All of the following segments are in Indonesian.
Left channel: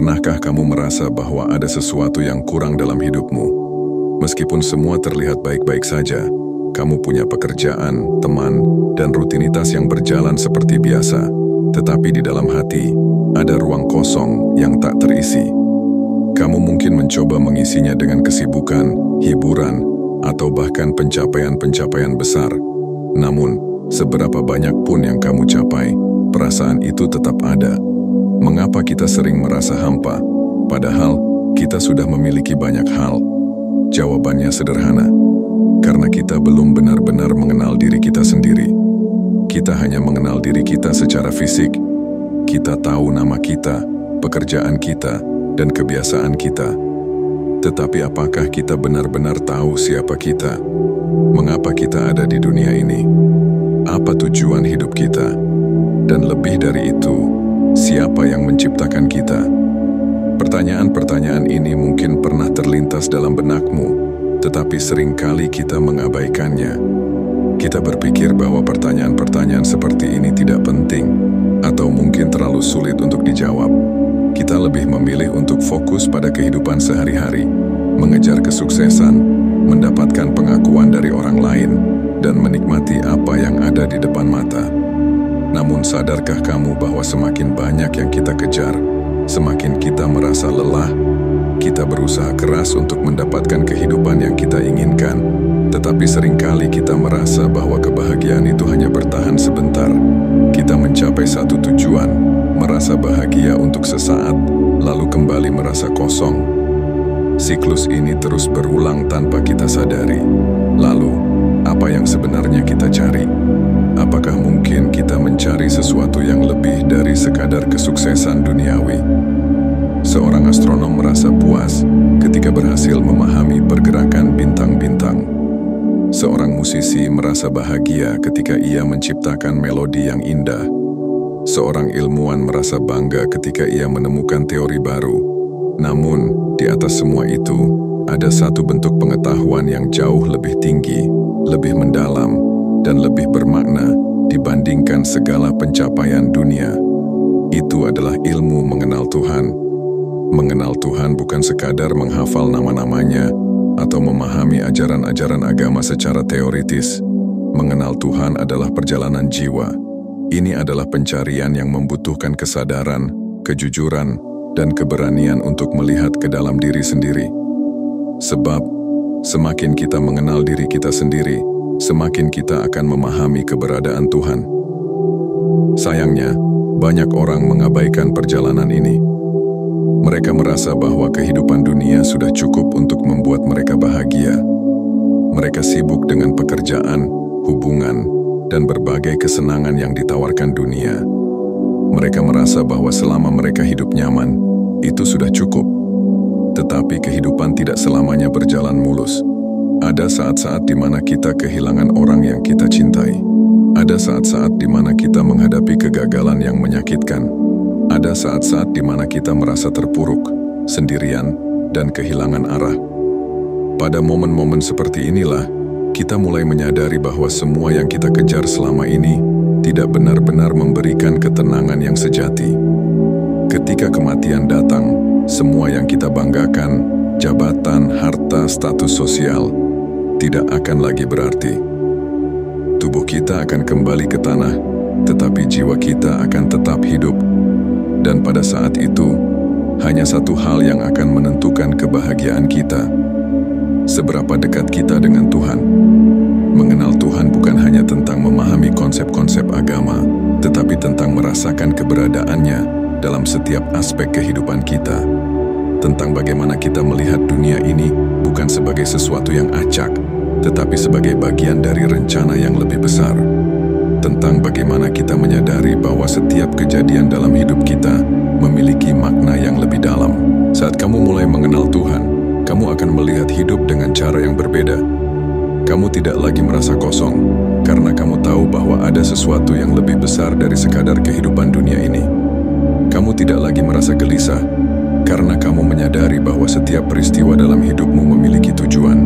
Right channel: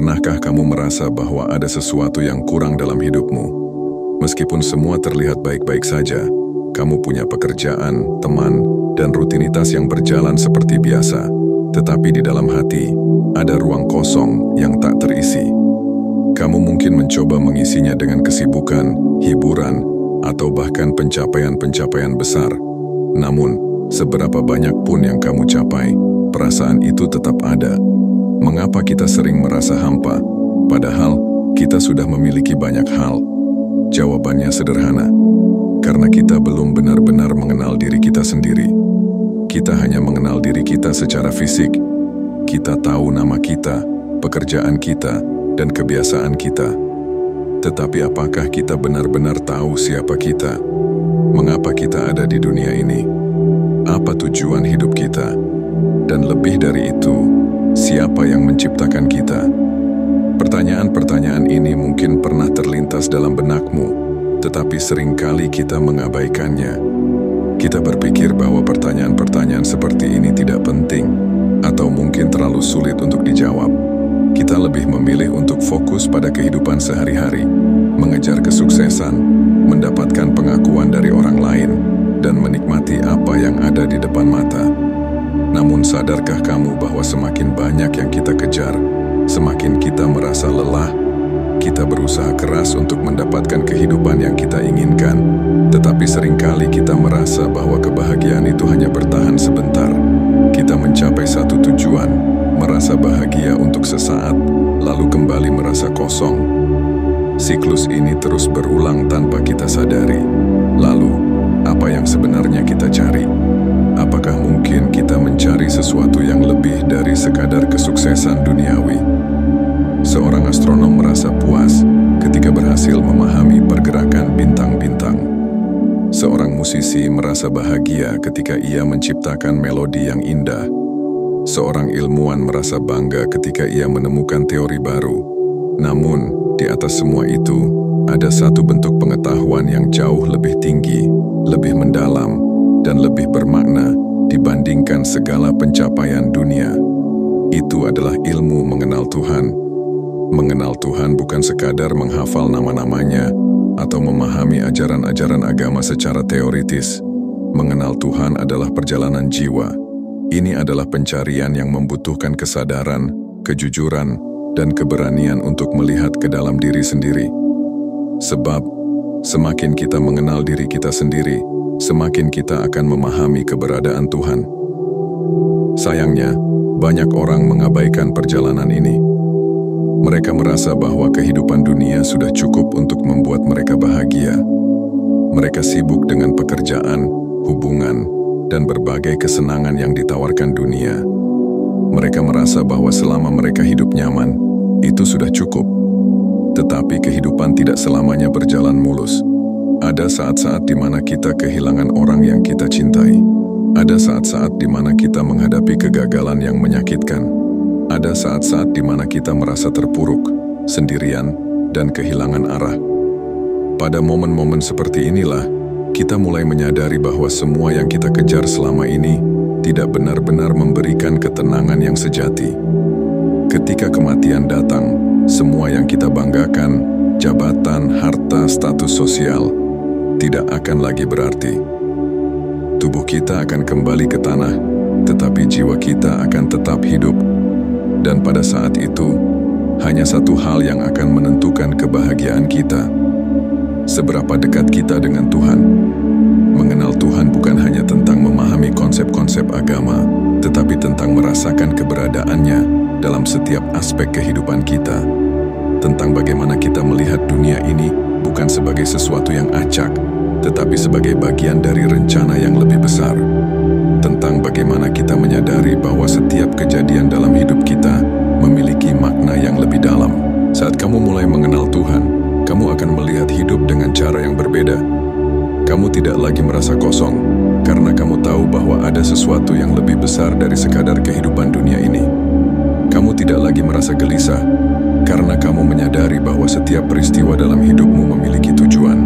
Pernahkah kamu merasa bahwa ada sesuatu yang kurang dalam hidupmu? Meskipun semua terlihat baik-baik saja, kamu punya pekerjaan, teman, dan rutinitas yang berjalan seperti biasa. Tetapi di dalam hati, ada ruang kosong yang tak terisi. Kamu mungkin mencoba mengisinya dengan kesibukan, hiburan, atau bahkan pencapaian-pencapaian besar. Namun, seberapa banyak pun yang kamu capai, perasaan itu tetap ada. Mengapa kita sering merasa hampa, padahal kita sudah memiliki banyak hal? Jawabannya sederhana, karena kita belum benar-benar mengenal diri kita sendiri. Kita hanya mengenal diri kita secara fisik. Kita tahu nama kita, pekerjaan kita, dan kebiasaan kita. Tetapi apakah kita benar-benar tahu siapa kita? Mengapa kita ada di dunia ini? Apa tujuan hidup kita? Dan lebih dari itu, siapa yang menciptakan kita? Pertanyaan-pertanyaan ini mungkin pernah terlintas dalam benakmu, tetapi seringkali kita mengabaikannya. Kita berpikir bahwa pertanyaan-pertanyaan seperti ini tidak penting, atau mungkin terlalu sulit untuk dijawab. Kita lebih memilih untuk fokus pada kehidupan sehari-hari, mengejar kesuksesan, mendapatkan pengakuan dari orang lain, dan menikmati apa yang ada di depan mata. Namun sadarkah kamu bahwa semakin banyak yang kita kejar, semakin kita merasa lelah? Kita berusaha keras untuk mendapatkan kehidupan yang kita inginkan, tetapi seringkali kita merasa bahwa kebahagiaan itu hanya bertahan sebentar. Kita mencapai satu tujuan, merasa bahagia untuk sesaat, lalu kembali merasa kosong. Siklus ini terus berulang tanpa kita sadari. Lalu, apa yang sebenarnya kita cari? Apakah mungkin kita mencari sesuatu yang lebih dari sekadar kesuksesan duniawi? Seorang astronom merasa puas ketika berhasil memahami pergerakan bintang-bintang. Seorang musisi merasa bahagia ketika ia menciptakan melodi yang indah. Seorang ilmuwan merasa bangga ketika ia menemukan teori baru. Namun, di atas semua itu, ada satu bentuk pengetahuan yang jauh lebih tinggi, lebih mendalam, dan lebih bermakna dibandingkan segala pencapaian dunia. Itu adalah ilmu mengenal Tuhan. Mengenal Tuhan bukan sekadar menghafal nama-namanya atau memahami ajaran-ajaran agama secara teoritis. Mengenal Tuhan adalah perjalanan jiwa. Ini adalah pencarian yang membutuhkan kesadaran, kejujuran, dan keberanian untuk melihat ke dalam diri sendiri. Sebab, semakin kita mengenal diri kita sendiri, semakin kita akan memahami keberadaan Tuhan. Sayangnya, banyak orang mengabaikan perjalanan ini. Mereka merasa bahwa kehidupan dunia sudah cukup untuk membuat mereka bahagia. Mereka sibuk dengan pekerjaan, hubungan, dan berbagai kesenangan yang ditawarkan dunia. Mereka merasa bahwa selama mereka hidup nyaman, itu sudah cukup. Tetapi kehidupan tidak selamanya berjalan mulus. Ada saat-saat di mana kita kehilangan orang yang kita cintai. Ada saat-saat di mana kita menghadapi kegagalan yang menyakitkan. Ada saat-saat di mana kita merasa terpuruk, sendirian, dan kehilangan arah. Pada momen-momen seperti inilah, kita mulai menyadari bahwa semua yang kita kejar selama ini tidak benar-benar memberikan ketenangan yang sejati. Ketika kematian datang, semua yang kita banggakan, jabatan, harta, status sosial, tidak akan lagi berarti. Tubuh kita akan kembali ke tanah, tetapi jiwa kita akan tetap hidup. Dan pada saat itu, hanya satu hal yang akan menentukan kebahagiaan kita. Seberapa dekat kita dengan Tuhan. Mengenal Tuhan bukan hanya tentang memahami konsep-konsep agama, tetapi tentang merasakan keberadaannya dalam setiap aspek kehidupan kita. Tentang bagaimana kita melihat dunia ini bukan sebagai sesuatu yang acak, tetapi sebagai bagian dari rencana yang lebih besar. Tentang bagaimana kita menyadari bahwa setiap kejadian dalam hidup kita memiliki makna yang lebih dalam. Saat kamu mulai mengenal Tuhan, kamu akan melihat hidup dengan cara yang berbeda. Kamu tidak lagi merasa kosong, karena kamu tahu bahwa ada sesuatu yang lebih besar dari sekadar kehidupan dunia ini. Kamu tidak lagi merasa gelisah, karena kamu menyadari bahwa setiap peristiwa dalam hidupmu memiliki tujuan.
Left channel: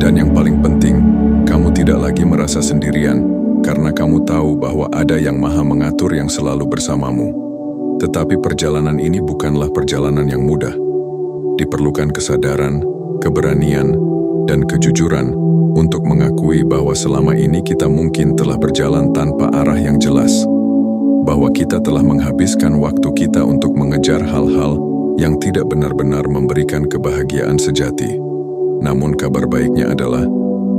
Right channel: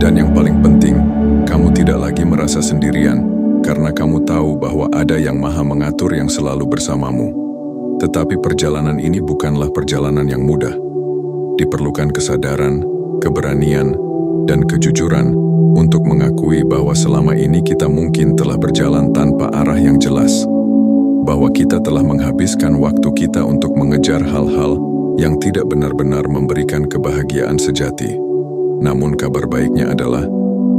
Dan yang paling penting, kamu tidak lagi merasa sendirian, karena kamu tahu bahwa ada yang Maha Mengatur yang selalu bersamamu. Tetapi perjalanan ini bukanlah perjalanan yang mudah. Diperlukan kesadaran, keberanian, dan kejujuran untuk mengakui bahwa selama ini kita mungkin telah berjalan tanpa arah yang jelas. Bahwa kita telah menghabiskan waktu kita untuk mengejar hal-hal yang tidak benar-benar memberikan kebahagiaan sejati. Namun kabar baiknya adalah,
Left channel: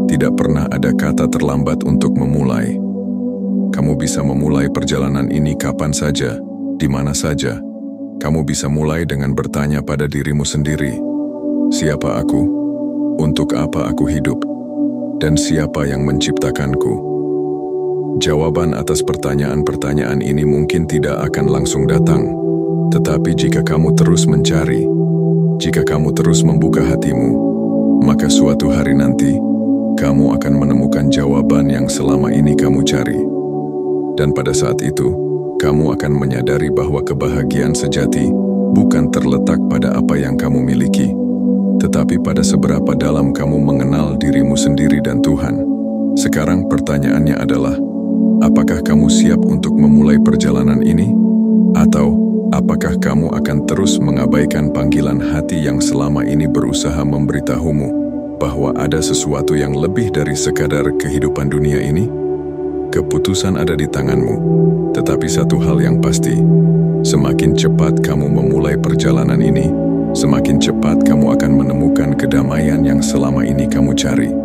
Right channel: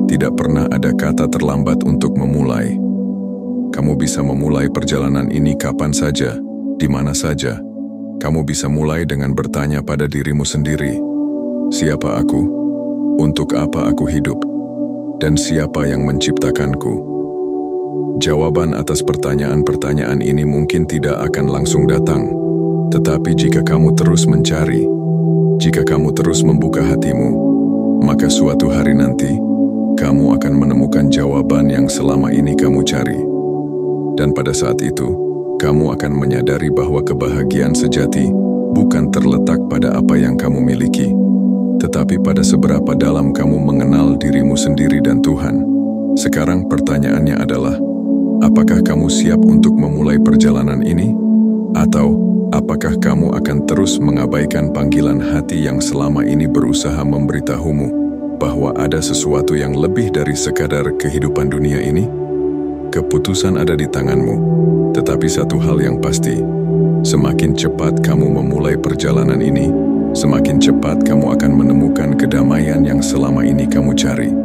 tidak pernah ada kata terlambat untuk memulai. Kamu bisa memulai perjalanan ini kapan saja, di mana saja. Kamu bisa mulai dengan bertanya pada dirimu sendiri, siapa aku? Untuk apa aku hidup? Dan siapa yang menciptakanku? Jawaban atas pertanyaan-pertanyaan ini mungkin tidak akan langsung datang, tetapi jika kamu terus mencari, jika kamu terus membuka hatimu, maka suatu hari nanti, kamu akan menemukan jawaban yang selama ini kamu cari. Dan pada saat itu, kamu akan menyadari bahwa kebahagiaan sejati bukan terletak pada apa yang kamu miliki, tetapi pada seberapa dalam kamu mengenal dirimu sendiri dan Tuhan. Sekarang pertanyaannya adalah, apakah kamu siap untuk memulai perjalanan ini? Atau, apakah kamu akan terus mengabaikan panggilan hati yang selama ini berusaha memberitahumu bahwa ada sesuatu yang lebih dari sekadar kehidupan dunia ini? Keputusan ada di tanganmu, tetapi satu hal yang pasti, semakin cepat kamu memulai perjalanan ini, semakin cepat kamu akan menemukan kedamaian yang selama ini kamu cari.